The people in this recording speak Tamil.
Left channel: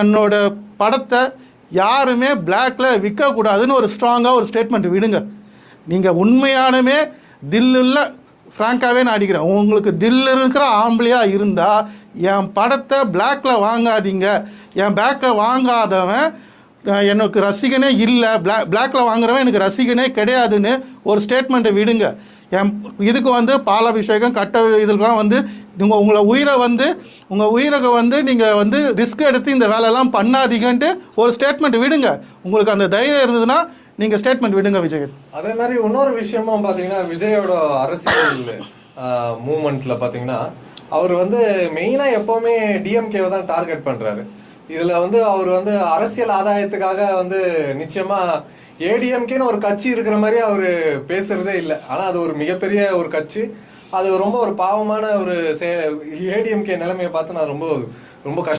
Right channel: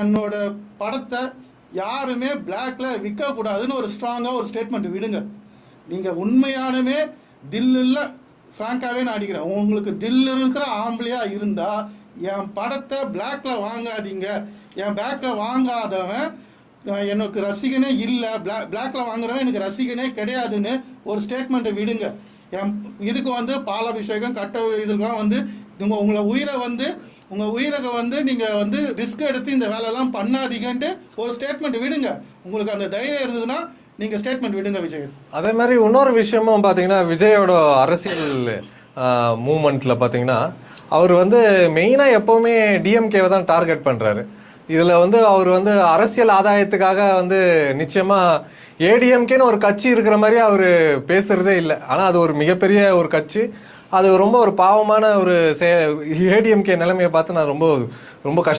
என்னோட படத்தை யாருமே பிளாக்ல விற்கக்கூடாதுன்னு ஒரு ஸ்ட்ராங்காக ஒரு ஸ்டேட்மெண்ட் விடுங்க. நீங்கள் உண்மையானுமே தில்லில் ஃப்ராங்காகவே நான் அடிக்கிறேன். உங்களுக்கு தில்லு இருக்கிற ஆம்பளையாக இருந்தால் என் படத்தை பிளாக்ல வாங்காதீங்க. என் பேக்ல வாங்காதவன் எனக்கு ரசிகனே இல்லை, பிளாக்ல வாங்குறவன் எனக்கு ரசிகனே கிடையாதுன்னு ஒரு ஸ்டேட்மெண்ட்டை விடுங்க. இதுக்கு பாலாபிஷேகம் கட்ட இதுக்கெல்லாம் உங்கள் உயிரை நீங்கள் ரிஸ்க் எடுத்து இந்த வேலையெல்லாம் பண்ணாதீங்கன்ட்டு ஒரு ஸ்டேட்மெண்ட் விடுங்க. உங்களுக்கு அந்த தைரியம் இருந்ததுன்னா நீங்கள் ஸ்டேட்மெண்ட் விடுங்க விஜய். அதே மாதிரி இன்னொரு விஷயமும் பார்த்தீங்கன்னா, விஜயோட அரசியல் மூமெண்ட்டில் பார்த்தீங்கன்னா, அவர் மெயினாக எப்போவுமே டிஎம்கேவை தான் டார்கெட் பண்ணுறாரு. இதில் அவர் அரசியல் ஆதாயத்துக்காக நிச்சயமாக ஏடிஎம்கேன்னு ஒரு கட்சி இருக்கிற மாதிரி அவர் பேசுகிறதே இல்லை. ஆனால் அது ஒரு மிகப்பெரிய ஒரு கட்சி. அது ரொம்ப ஒரு பாவமான ஒரு ஏடிஎம்கே நிலைமையை பார்த்து நான் ரொம்ப ரொம்ப